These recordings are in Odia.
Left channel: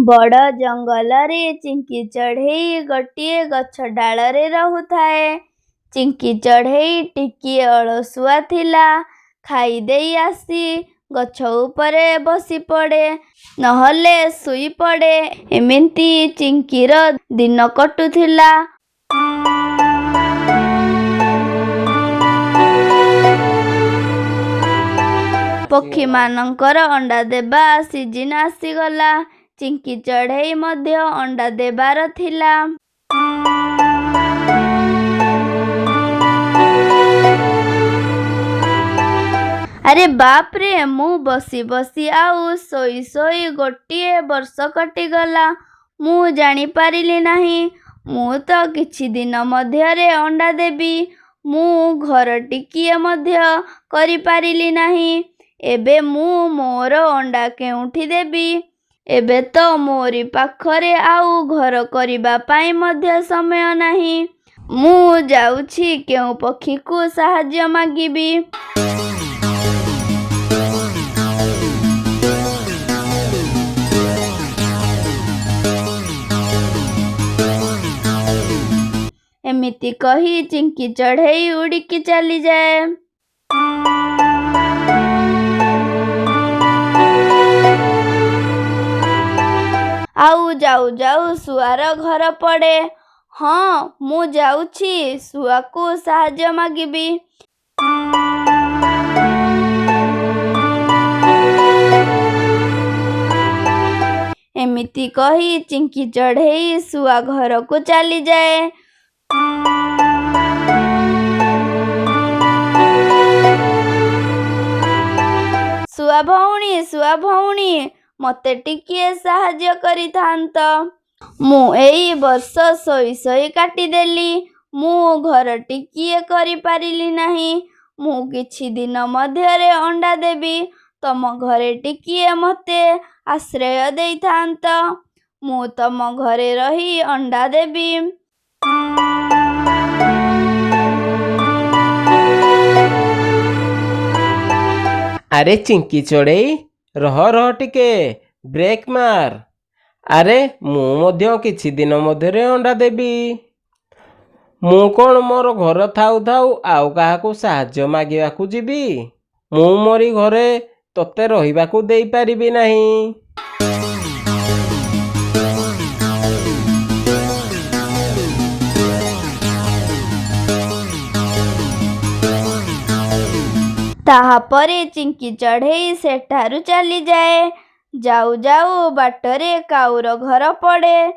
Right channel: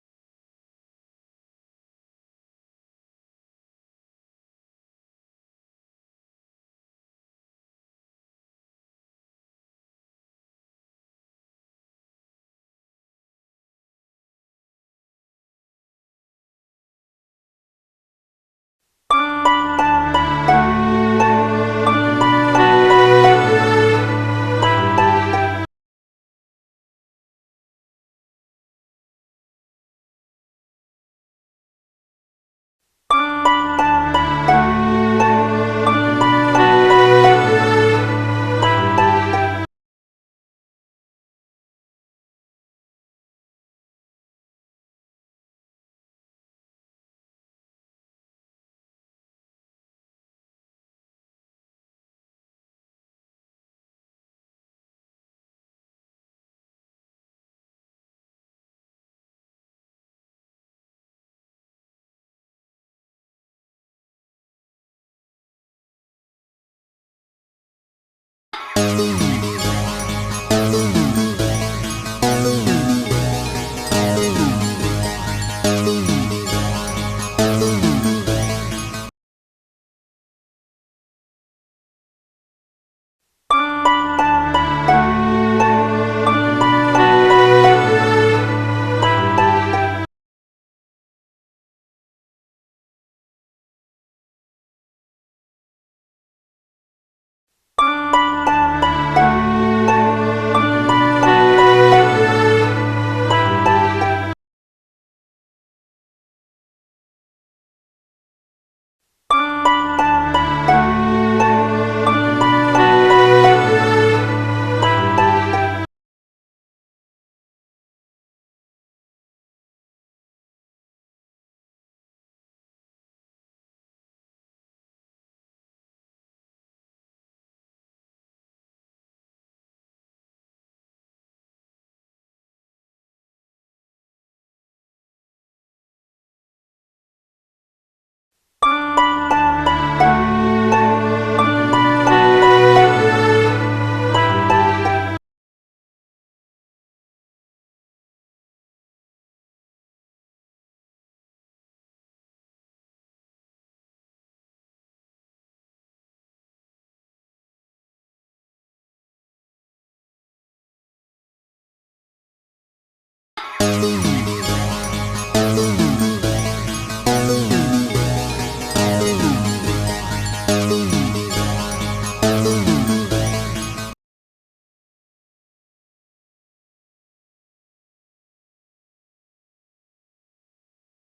बड़ जंगल रे चिंकी चढ़ेई गोटे गछ डालरे रहुथाए। चिंकी चढ़ेई टिकिए अलसुआ थिला। खाई देई आसी गछ उपरे बसी पड़े, नहले सुई पड़े। एमिति चिंकीर दिन कटुथिला। पक्षी मानकर अंडा देबा सीजन आसीगला। चिंकी चढ़ेई मध्य अंडा देबार थिला। अरे बाप रे, मु बसी बसी आउ सोई सोई गोटे वर्ष कटिगला। मु जानी पारिली नाही। मु तो किछि दिन मध्यरे अंडा देबी। मु घर टिकिए मध्य करि पारिली नाही। एबे मु मोर अंडा केउठी देबी? एबे तो मोरी पाखरे आउ घर करिबा पाई मध्य समय नाही। मु जाउछि केउ पक्षी को साहाय्य मागिबी। एमिति कही चिंकी चढ़ेई उड़िकी चली जाए। आउ जाऊ जाऊ सुआर घर पड़े। हाँ, मु जाउछि सुआ को साहाय्य मागिबी। एमिति कही चिंकी चढ़ेई सुआ घर को चली जाए। सुआ भौणी मते टिकिए साहाय्य करिथांत। मु एई वर्ष सोई सोई काटिदेली। मु घर टिकिए करि पारिली नाही। मु किछि दिन मध्यरे अंडा देबी। तम घरे टिकिए मते आश्रय देइथांत। मु तम घरे रही अंडा देबी। अरे चिंकी चढ़ेई रह रह टिके ब्रेक मार। अरे मु मध्य किछि दिन मध्यरे अंडा देबी। मु कौन मोर घर थाउ थाउ आउ काहाकू साहाय्य मागिबाकू जीबी? मु मोरी घरे तोते रहिबाकू देई पारिबी नाही। ताहापरे चिंकी चढ़ेई सेठारु चली जाए। जाऊ जाऊ बाटरे काउर घर पड़े।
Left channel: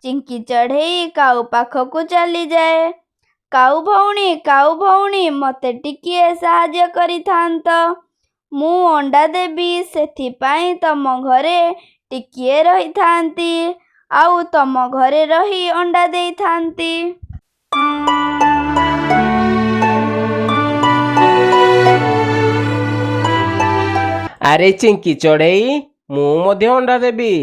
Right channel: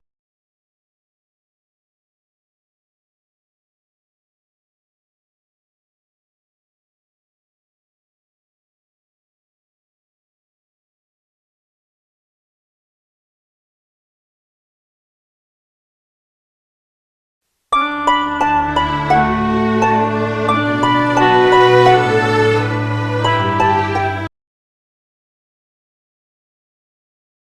चिंकी चढ़ेई काऊ पाखकू चली जाए। काऊ भौणी मते टिकिए साहाय्य करिथांत। मु अंडा देबी, सेथिपाई तम घरे टिकिए रहिथांती। आउ तम घरे रही अंडा देइथांती। अरे चिंकी चढ़ेई मु मध्य अंडा देबी।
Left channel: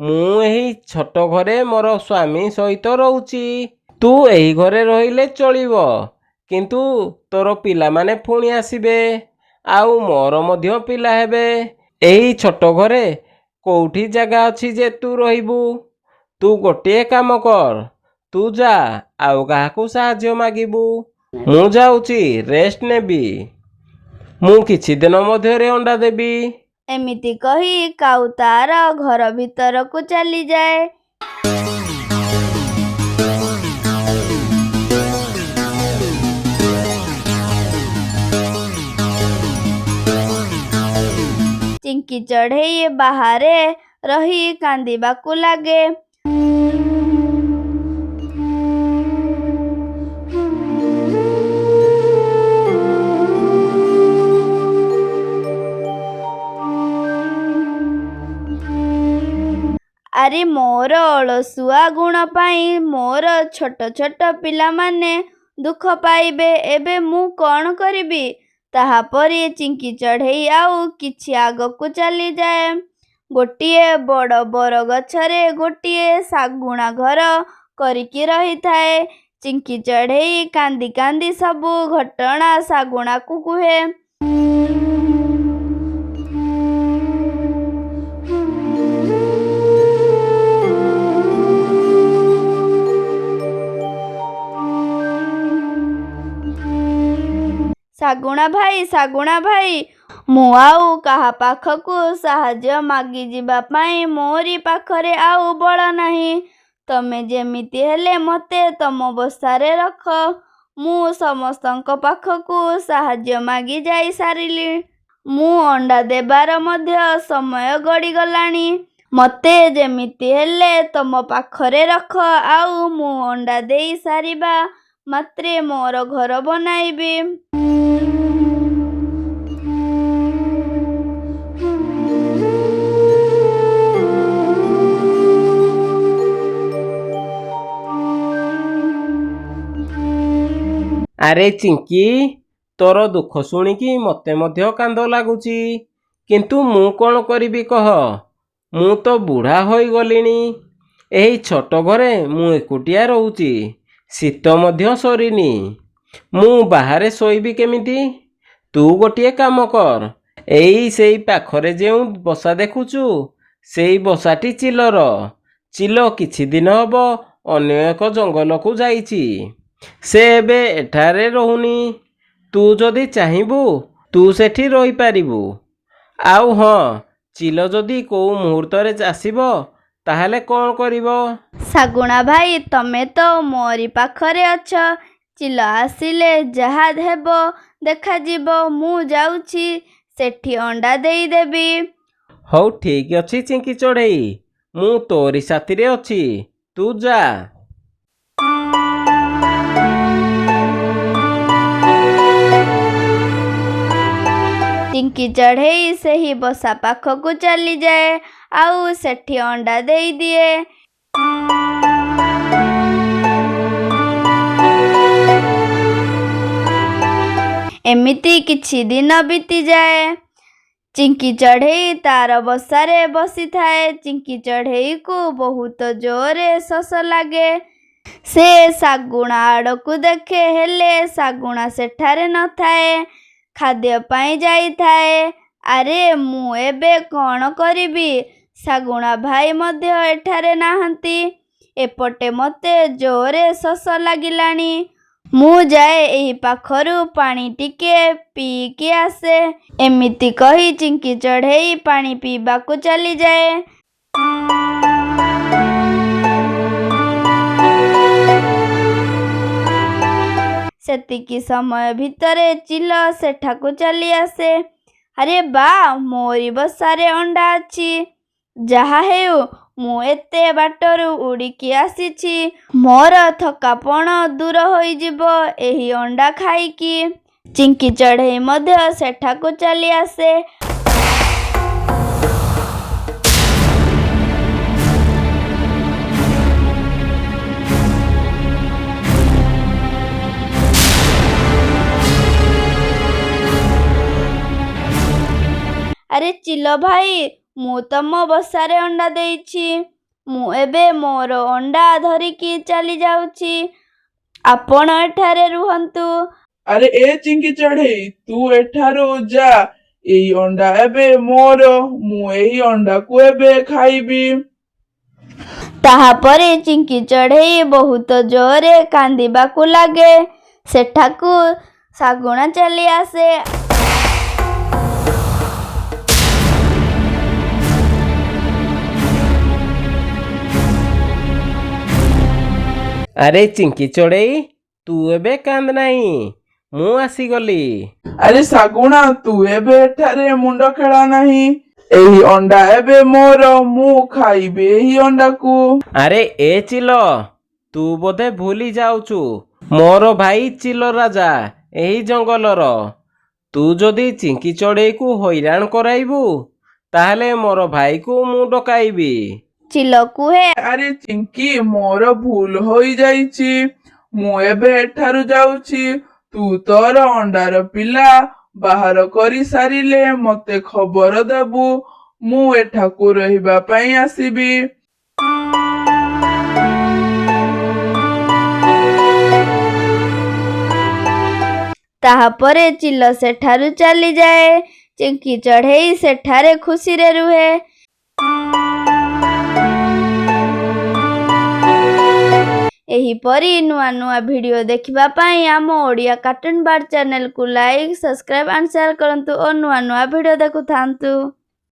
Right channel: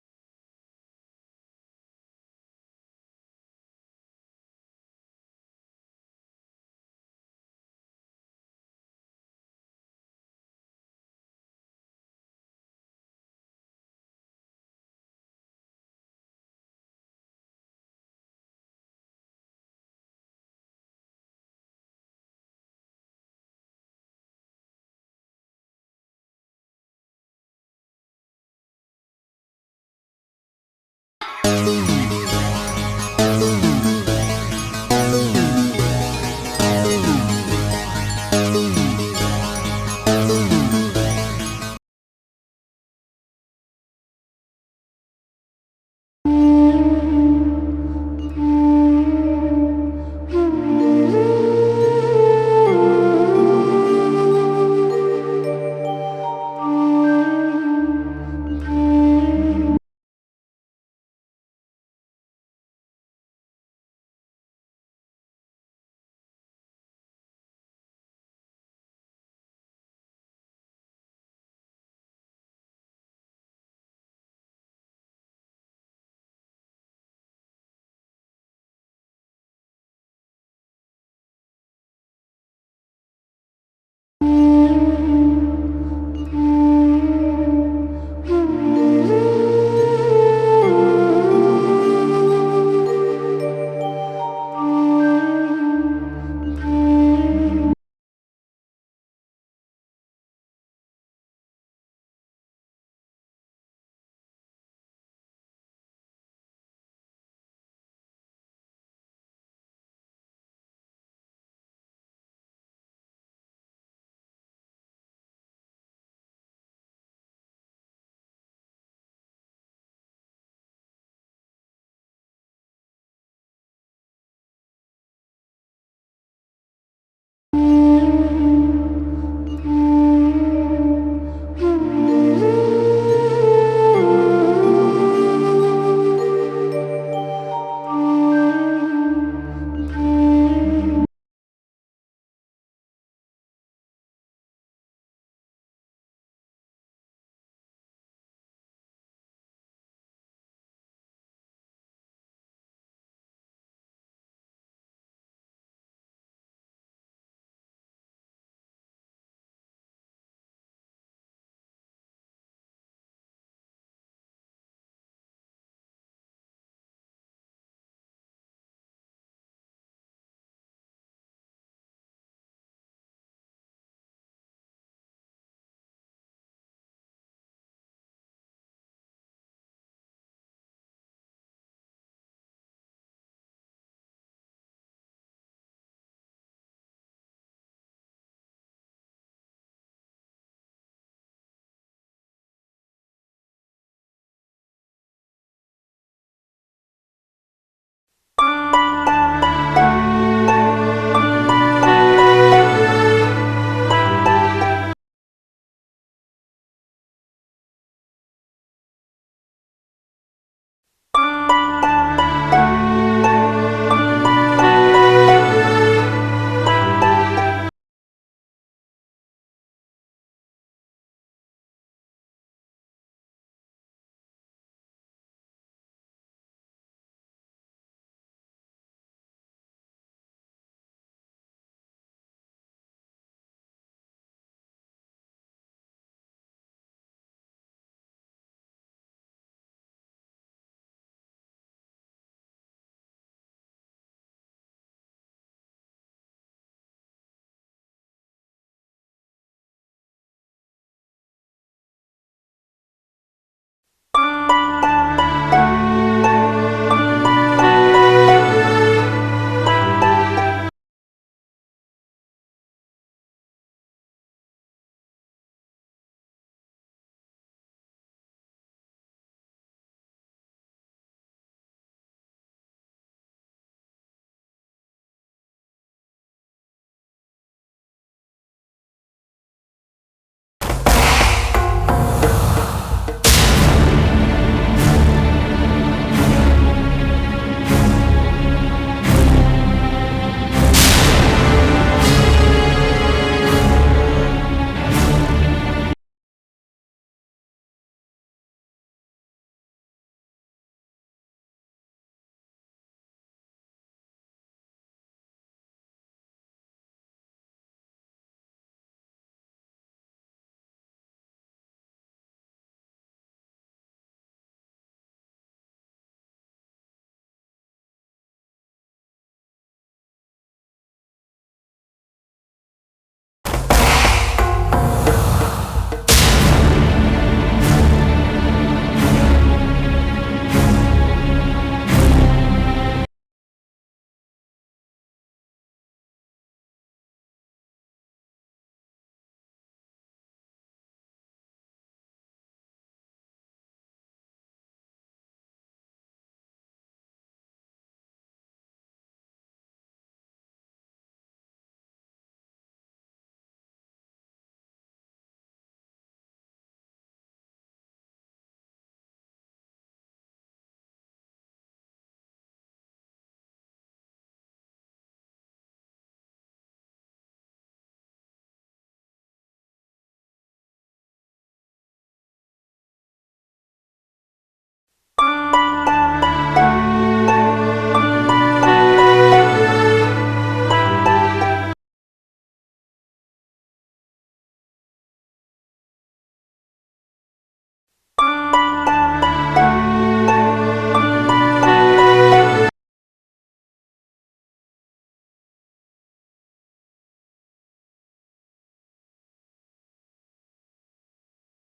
मु एही छोट घरे मोर स्वामी सहित रहूची। तू एही घरे रहिले चलिबो, किंतु तोर पिला माने पुणी आसीबे। आउ मोर मध्य पिला हेबे। एही छोट घरे कोउठी जगह अछि जे तू रहिबू? तू गोटे काम कर, तू जा आउ काहाकू साहाय्य मागिबू। मु जाउची रेस्ट नेबी। मु किछि दिन मध्यरे अंडा देबी। एमिति कही काऊ तार घर भीतर को चली जाए। चिंकी चढ़ेई बाहरे रही कांदिबाकू लागे। अरे मोर अलसुआ गुण पाई मोर छोट छोट पिला माने दुख पाइबे। एबे मु कौन करिबी? ताहापरे चिंकी चढ़ेई आउ किछि आगकू चली जाए। गोटिए बड़ बर गछरे गोटिए सागुणा घर करिकी रही थाए। ଚିଙ୍କି ଚଢ଼େଇ କାନ୍ଦି କାନ୍ଦି ସବୁ ଘଟଣା ଶାଗୁଣାକୁ କୁହେ। ଶାଗୁଣା ଭାଇ, ମୁଁ ଆଉ କାହା ପାଖକୁ ସାହାଯ୍ୟ ମାଗିଯିବା ପାଇଁ ମୋରି ପାଖରେ ଆଉ ବଳ ନାହିଁ। ତମେ ଯେମିତି ହେଲେ ମୋତେ ତମ ବସାରେ ରଖ। ମୁଁ ସମସ୍ତଙ୍କ ପାଖକୁ ସାହାଯ୍ୟ ମାଗି ଯାଇ ସାରିଲି। ମୁଁ ଅଣ୍ଡା ଦେବାର ମଧ୍ୟ ସମୟ ଗଡ଼ିଗଲାଣି। ମୋତେ ଯେମିତି ହେଲେ ତମ ପାଖରେ ରଖ, ଆଉ ମୁଁ ଅଣ୍ଡା ଦେଇ ସାରିବା ମାତ୍ରେ ମୋର ଘର ବନାଇବି। ଆରେ ଚିଙ୍କି, ତୋର ଦୁଃଖ ଶୁଣିକି ମୋତେ ମଧ୍ୟ କାନ୍ଦ ଲାଗୁଛି। କିନ୍ତୁ ମୁଁ କ'ଣ କରିବି କହ? ମୁଁ ତ ବୁଢ଼ା ହୋଇଗଲିଣି। ଏହି ଛୋଟ ଘରେ ମୁଁ ଏକୁଟିଆ ରହୁଛି। ଶୀତ ମଧ୍ୟ ସରିନି। ମୁଁ ବାହାରେ ଶୋଇବି କେମିତି? ତୁ ଗୋଟିଏ କାମ କର। ସେଇ ପାଖରେ ଯେଉଁ ବସା ଦେଖୁଛୁ, ସେଇ ବସାଟି ଚିଲର। ଚିଲ କିଛି ଦିନ ହେବ ଅନ୍ୟ ଏକ ଜଙ୍ଗଲକୁ ଯାଇଛି। ସେ ଏବେ ଏଠାରେ ରହୁନି। ତୁ ଯଦି ଚାହିଁବୁ ତୁ ସେଠି ରହିପାରିବୁ। ଆଉ ହଁ, ଚିଲ ଯଦି କୋଉ ମୁହୂର୍ତ୍ତରେ ଆସିବ ତାହେଲେ କ'ଣ କରିବ? ଶାଗୁଣା ଭାଇ, ତମେ ତ ମୋରି ପାଖରେ ଅଛ। ଚିଲ ଆସିଲେ ଯାହା ହେବ ଦେଖାଯିବ। ମୁଁ ଯାଉଛି, ସେଠି ଅଣ୍ଡା ଦେଇଦେବି। ହଉ, ଠିକ୍ ଅଛି ଚିଙ୍କି ଚଢ଼େଇ, ମୁଁ ତୋରି ସାଥିରେ ଅଛି। ତୁ ଯା। ଚିଙ୍କି ଚଢ଼େଇ ସେହି ବସା ପାଖକୁ ଚାଲିଯାଏ, ଆଉ ସେଠି ଅଣ୍ଡା ଦେଇଦିଏ। ଏମିତି କିଛି ଦିନ ବିତିଯାଏ। ଚିଙ୍କି ଚଢ଼େଇ ତାର ବସାରେ ବସିଥାଏ। ଚିଙ୍କି ଚଢ଼େଇକୁ ବହୁତ ଜୋରରେ ଶୋଷ ଲାଗେ। ସେ ଶାଗୁଣା ଆଡ଼କୁ ଦେଖେ, ହେଲେ ଶାଗୁଣା ସେଠାରେ ନଥାଏ। ଖାଦ୍ୟ ପାଇଁ ଯାଇଥାଏ। ଆରେ, ମୁଁ ଏବେ କ'ଣ କରିବି? ଶାଗୁଣା ଭାଇ ମଧ୍ୟ ଏଠାରେ ନାହାନ୍ତି। ଏପଟେ ମୋତେ ଜୋରରେ ଶୋଷ ଲାଗିଲାଣି। ମୁଁ ଯାଏ ଏହି ପାଖରୁ ପାଣି ଟିକେ ପିଇକି ଆସେ। ଏମିତି କହି ଚିଙ୍କି ଚଢ଼େଇ ପାଣି ପିଇବାକୁ ଚାଲିଯାଏ। ସେତିକି ସମୟ ଭିତରେ ଚିଲ ସେଠାକୁ ଚାଲି ଆସେ। ଆରେ ବା, ମୋରି ବସାରେ ଅଣ୍ଡା ଅଛି। ଯାହା ହେଉ, ମୁଁ ଏତେ ବାଟରୁ ଉଡ଼ିକି ଆସିଛି। ମୋର ଥକାପଣ ଦୂର ହୋଇଯିବ ଏହି ଅଣ୍ଡା ଖାଇକି। ଚିଙ୍କି ଚଢ଼େଇ ମଧ୍ୟ ସେଠାକୁ ଚାଲି ଆସେ। ଆରେ ଚିଲ ଭାଇ, ମୁଁ ତମ ବସାରେ ଅଣ୍ଡା ଦେଇଛି। ମୁଁ ଏବେ ମୋର ଅଣ୍ଡା ଧରିକି ଚାଲି ଯାଉଛି। ଆପଣ ଏଠାରେ ରୁହନ୍ତୁ। ଆରେ ଚିଙ୍କି ଚଢ଼େଇ, ତୁ ଏଠାରୁ ଯା। ଏଇ ଅଣ୍ଡା ଏବେ ମୋର। ମୁଁ ଏହି ଅଣ୍ଡାକୁ ଏବେ ଖାଇବି। ତାହାପରେ ଚିଙ୍କି ଚଢ଼େଇ ବହୁତ ଜୋରରେ କାନ୍ଦିବାକୁ ଲାଗେ। ସେଠାକୁ ଶାଗୁଣା ଚାଲି ଆସେ। ଆରେ ଚିଙ୍କି ଚଢ଼େଇ, ତୁ ଏବେ କାନ୍ଦ ନାହିଁ। ମୁଁ ଆସିଗଲି। ଆରେ ଶାଗୁଣା, ତୁ ଏବେ ଏଠାରେ ମୁଣ୍ଡ ଖେଳା ନାହିଁ। ଏହି ଅଣ୍ଡା ଏବେ ମୋର। ମୁଁ ଖାଇବି ଏହି ଅଣ୍ଡାକୁ। ଆରେ ଚିଲ, ତୁ ବୋଧେ ଭୁଲି ଯାଉଛୁ, ମୋର ଭାଇ ଚିଲ ରାଜା ଏହି ଜଙ୍ଗଲର। ତୁ ଯଦି ଚିଙ୍କି ଚଢ଼େଇକୁ ହଇରାଣ କରାଇବୁ, ତାହେଲେ ମୋର ଭାଇକୁ ମୁଁ ଡକାଇବି। ଚିଲ କୁହେ, ଆରେ ଚିଙ୍କି, ମୋର ଭୁଲ ହୋଇଯାଇଛି। ମୁଁ ଏବେ ଏଠାରୁ ଯାଉଛି। ତୁ ତୋର ଅଣ୍ଡାର ପିଲା ବାହାର କରି ସାରିଲେ ମୋତେ ଖବର ଦେବୁ। ମୁଁ ଏଠାକୁ ରହିବା ପାଇଁ ଆସିବି। ତାହାପରେ ଚିଲ ସେଠାରୁ ଚାଲିଯାଏ। ଚିଙ୍କି ଚଢ଼େଇ ସେଠାରେ ଖୁସିରେ ରୁହେ। ଏହିପରି ନୂଆ ନୂଆ ଭିଡ଼ିଓ ଦେଖିବା ପାଇଁ ଆମ ଓଡ଼ିଆ କାର୍ଟୁନ ବାର୍ଡ଼ ଚ୍ୟାନେଲକୁ ଲାଇକ୍, ସବସ୍କ୍ରାଇବ୍ ଆଣ୍ଡ ସେୟାର କରନ୍ତୁ ଓ ନୂଆ ନୂଆ ଭିଡ଼ିଓ ଦେଖୁଥାନ୍ତୁ।